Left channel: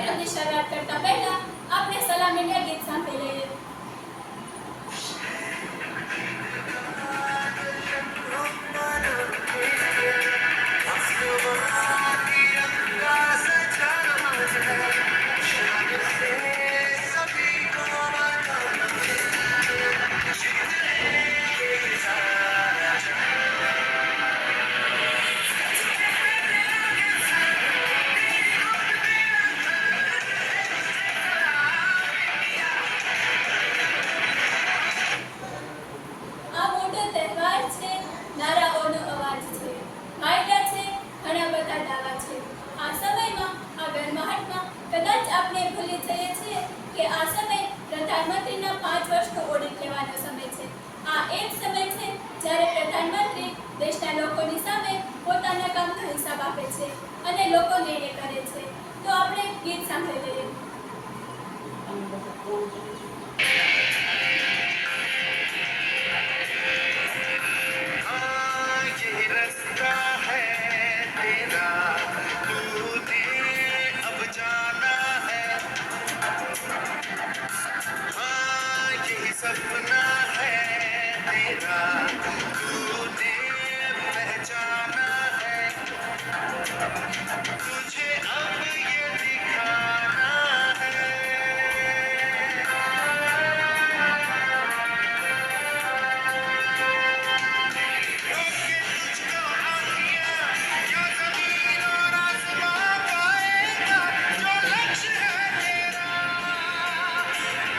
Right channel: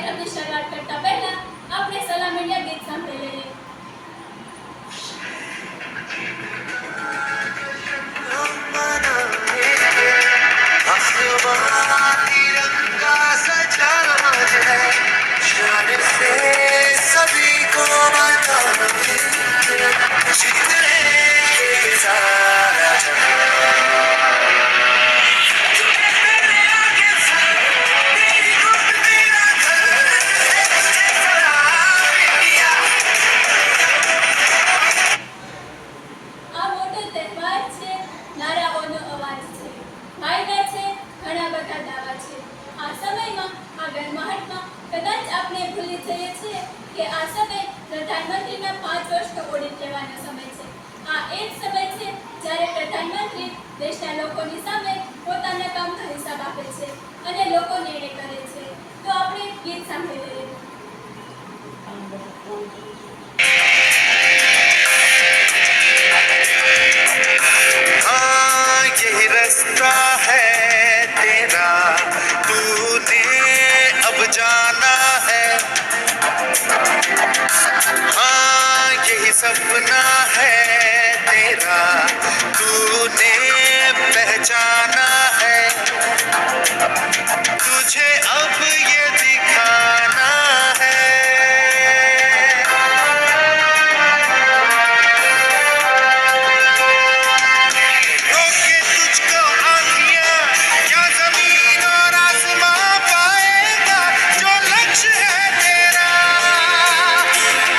કાર્યક્રમની શરૂઆત કરતા પહેલા આપણે સલામ ઇન્ડિયા ગીત સાંભળી લઈએ. પ્રધાનમંત્રીના 5 વર્ષનો ઓડિટ લેવાનો સમય છે. આ એ જ સમય છે જ્યારે પ્રધાનમંત્રી દેશના લોકોની સામે પોતાના કામનો હિસાબ આપે છે અને લોકો નિર્ણય કરે છે. તો આપણે ગીત સાંભળી લઈએ. यही रास्ता है तेरा, तूने अब जाना है. हाँ यही सपना है तेरा, तूने पहचाना है. तुझे अब ये दिखाना है. रोके तुझको आँखियाँ, क्या ज़मीन और आसमां पाएगा. जो लक्ष्य है तेरा,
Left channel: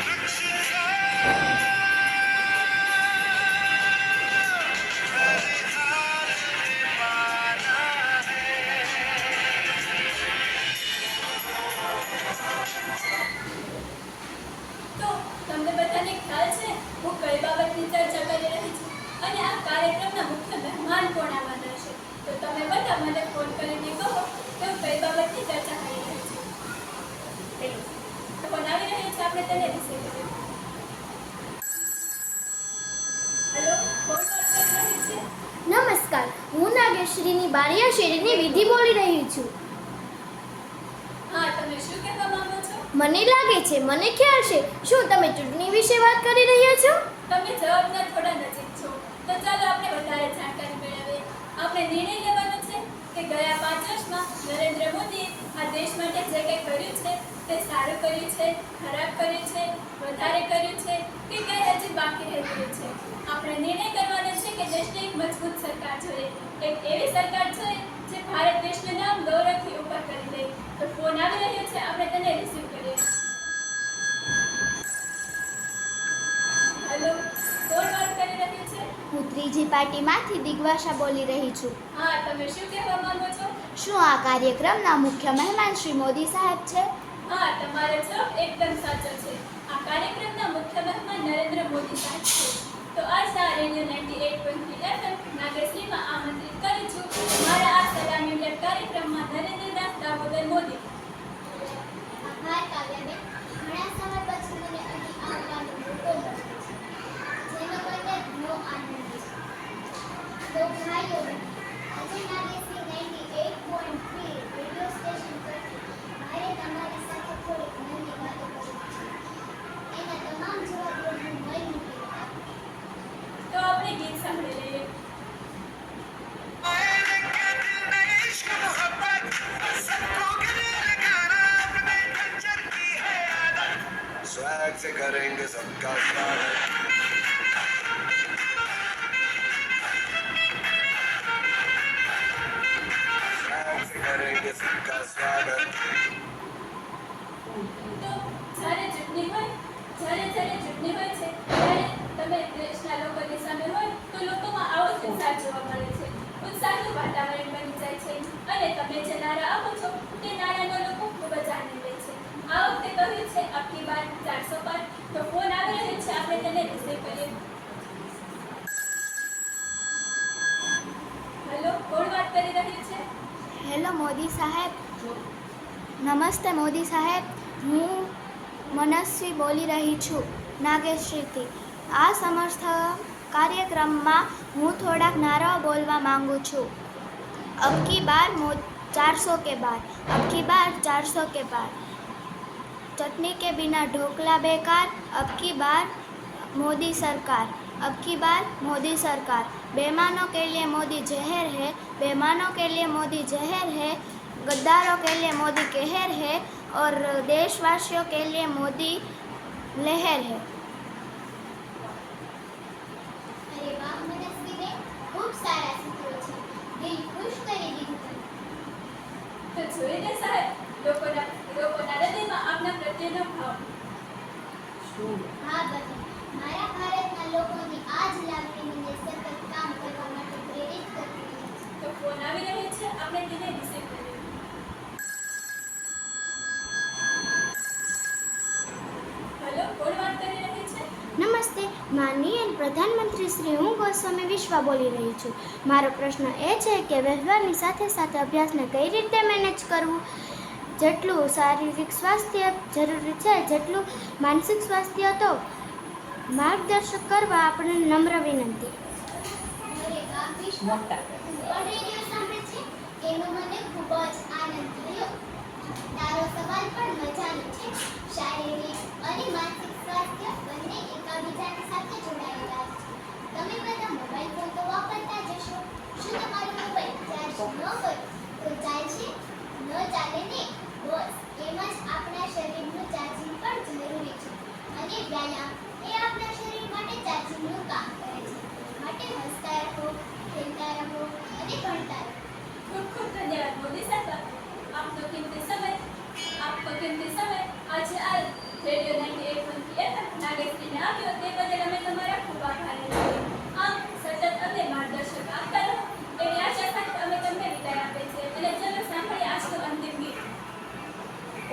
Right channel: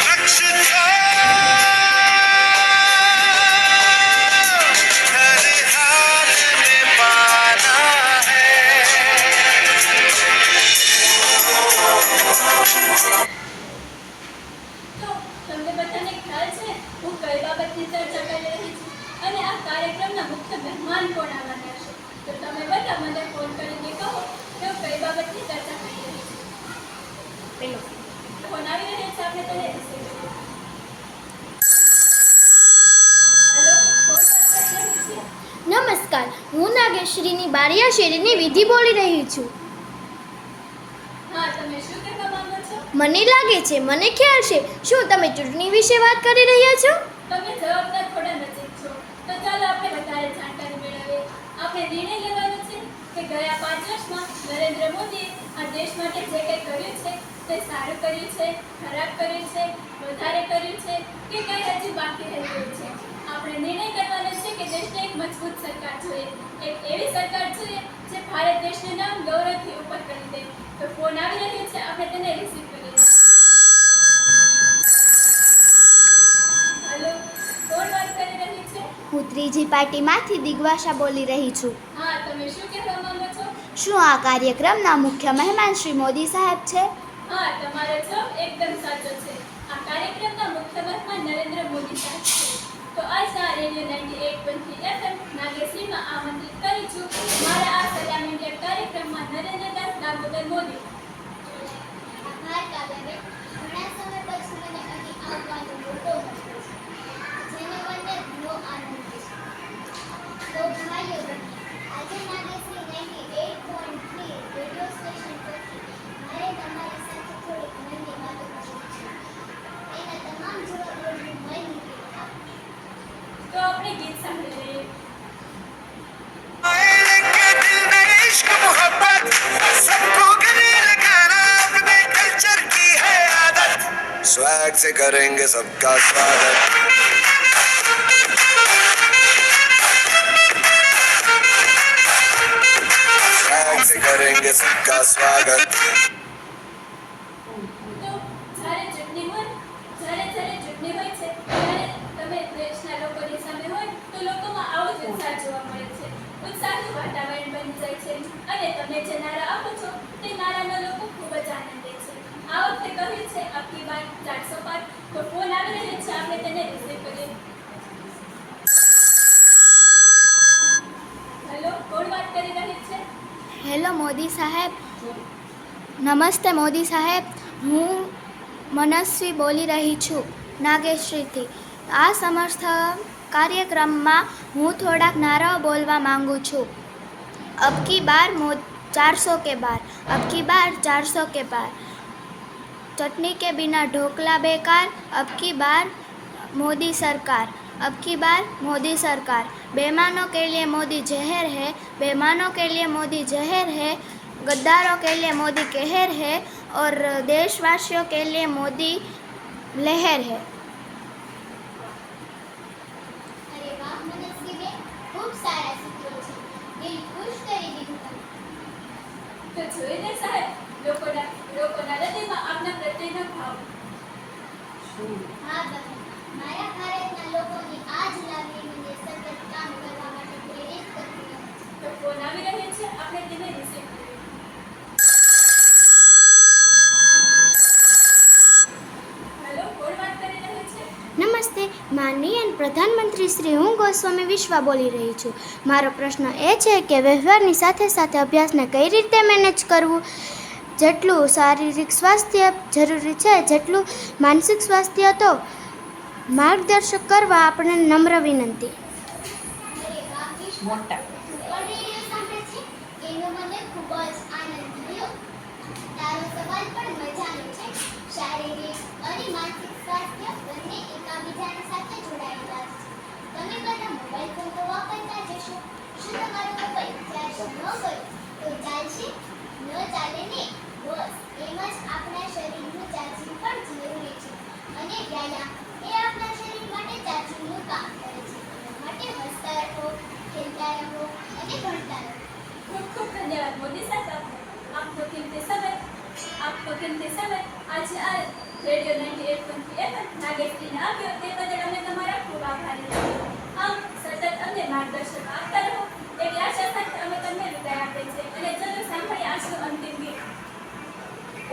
लक्ष्य को हर हाल में पाना है. તો તમને બધાને ખ્યાલ છે હું કઈ બાબતની ચર્ચા કરી રહી છું અને આ કાર્યક્રમના મુખ્ય મહેમાન કોણ આવવાના છે? તો તમે બધા મને ફોન કરીને કહો કે હું કઈ બાબતની ચર્ચા કરી રહી છું. ફોન આવી રહ્યો છે, આપણે તેને રિસીવ કરીએ. હેલો, કોણ વાત કરી રહી છે? નમસ્કાર, હું નાગેશ્રીની બારિયા શેરીની વિધિ બોલી રહી છું. હા, તમે શું કહેવા માંગો છો? મને લાગે છે મને ખ્યાલ છે. શું તમે ચૂંટણી વિશે વાત કરી રહ્યા છો? તમે જવાબના થોડા નજીક છો, તો ચાલો આપણે વધારે જાણકારી મેળવીએ. આપણે નિર્ણય લેવાનો છે કે ગયા 5 વર્ષમાં નરેન્દ્ર મોદીએ આ દેશ માટે જે કંઈ કર્યું છે તે સારું કર્યું છે, ખરાબ કર્યું છે, વધારે કર્યું છે કે કંઈ હજી બાકી રહી ગયું છે. આપણે નિર્ણય કરવાનો છે કે દેશને એક મજબૂત સરકાર જોઈએ, એક એવી સરકાર જોઈએ જે ભારત દેશનું નામ ગૌરવથી ઉપર કરી દે. તો ફોન આવી રહ્યો છે, આપણે તેને રિસીવ કરીએ. હેલો, કોણ વાત કરી રહ્યું છે? હું ત્રીજી પાર્ટીમાંથી દિગ્વાશા બોલી રહી છું. હા, તમે શું કહેવા માંગો છો? શું આ કાર્યક્રમના મુખ્ય મહેમાન શ્રી મોદી સાહેબ છે? હા, તમારો જવાબ એકદમ સાચો છે. આ કાર્યક્રમના મુખ્ય મહેમાન નરેન્દ્ર મોદી સાહેબ છે. તો આજના રેડિયો 98.3 FM નાગેશ્રીમાં આમંત્રિત કરું છું મારા આ સલામ ઇન્ડિયા કાર્યક્રમમાં નરેન્દ્રદાસ દામોદર મોદી. આભાર કાવ્યાબેન. ઘણા સમય પછી મને અહીં આવવાનો મોકો મળ્યો છે, જેનો મને ઘણો આનંદ છે. તો ભાઈઓ બહેનો, આજે નાગેશ્રી 98.3 રેડિયો સ્ટેશન પરથી મારે તમારી સાથે થોડી અનન્ય વાતો કરવી છે. એના તમામ જવાબોનું મય નીકળી આપું. તો આપણે ગીત સાંભળી લઈએ. दिल में इश्क मोहब्बत सबको गले लगाना अपने कल्चर की है आदत. स्वैग से करेंगे सबका स्वागत. स्वैग से करेंगे सबका स्वागत. તો જ્યારે ચૂંટણી હોય છે ત્યારે તમે દેશના લોકોની સામે હોય તો લોકોમાં આવો જ ઉત્સાહ જોવા મળે છે. ઉત્સાહનું વાતાવરણ બની જાય છે અને તમે જે નારા આપો છો તે નારાનો લોકો ખૂબ જ આનંદ લે છે. આ વખતે કહ્યું છે અબકી બાર 400 પાર. તો ફોન આવી રહ્યો છે, આપણે તેને રિસીવ કરીએ. હેલો, કોણ વાત કરી રહી છે? હેલો મોદી સાહેબ. નમસ્તે મોદી સાહેબ, હું મનસ્વી બોલી રહી છું નાગેશ્રીથી. આ સમર્થ કાર્યક્રમમાં હું થોડાક નારાઓ બોલવા માંગુ છું. અબકી બાર 400 કે બાર, અબકી બાર 400 કે બાર. चटनी के बिना ढोकला बेकार, अब की बार मोदी सरकार, अब की बार मोदी सरकार। बेईमानों के लिए मोदी जहर है, बेईमानों के लिए मोदी जहर है, गद्दारों के लिए मोदी कहर है और देशवासियों के लिए मोदी लहर है। અરે વાહ મનસ્વીબેન, ખૂબ સારા સૂત્રો છે. દિલ ખુશ કરી દીધું તમે. તો જોઈને સાહેબ, લોકોના હૃદયમાં આપના પ્રત્યેનો ભાવ. હા બહેન, મારા ભારતના લોકોની આ જ લાગણી મને સતત કામ કરવા માટે પ્રેરિત કરતી રહે છે. તો ફોન આવી રહ્યો છે, આપણે તેને રિસીવ કરીએ. હેલો, કોણ વાત કરી રહ્યું છે? નમસ્તે, માનનીય પ્રધાનમંત્રી શ્રી, હું ગોસ્વામી વિશ્વા બોલી રહી છું. મારો પ્રશ્ન એ છે કે વ્યવહારની સાથે સાથે અભ્યાસને કઈ રીતે મેનેજ કરવું. જેટલું શારીરિક સ્વાસ્થ્ય જરૂરી છે, જેટલું માનસિક સ્વાસ્થ્ય તો માર્ગદર્શક કરવા આપણે નમ્ર વિનંતી. અરે વાહ વિશ્વા, તું પણ રેડિયો સાંભળે છે? એનો મને ખૂબ જ આનંદ થયો. તારો સવાલ પણ મજાનો છે. શારીરિક અને માનસિક સ્વાસ્થ્ય બંને એકાબીજાની સાથે જોડાયેલા છે. તમે બધા મોબાઈલ ફોન તો વાપરતા જ હશો. શું તમારો મોબાઈલ ચાર્જ ન કરો તો ચાલશે? ન ચાલે ને? બસ એમ જ આપણા શરીરનું ચાર્જિંગ પણ જરૂરી છે. અને વ્યાયામ એ આપણા શરીર માટે ચાર્જિંગનું કામ કરે છે. માટે હસતા રહો, ખેલતા રહો અને ભણતા રહો. ખૂબ ખૂબ ધન્યવાદ મોદી સાહેબ, આપનો કિંમતી સમય આજે આ રેડિયો 98.3 FM નાગેશ્રીને આવ્યો તે બદલ અમે તમારા ખૂબ આભારી છીએ. આમ સતત અમને માર્ગદર્શન આપતા રહો એવી આશા સાથે અમે તમને વિદાય આપીએ છીએ. અને ચલો સાંભળીએ આજનો અંતિમ ગીત.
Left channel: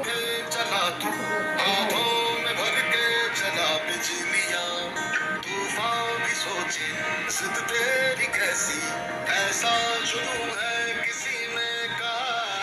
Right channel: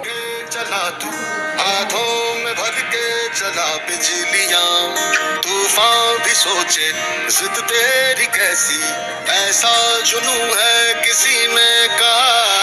के चला तू हाथों में भर के चला बिजलियां तूफान भी सोचे जिद तेरी कैसी ऐसा जुनून है किसी में कहा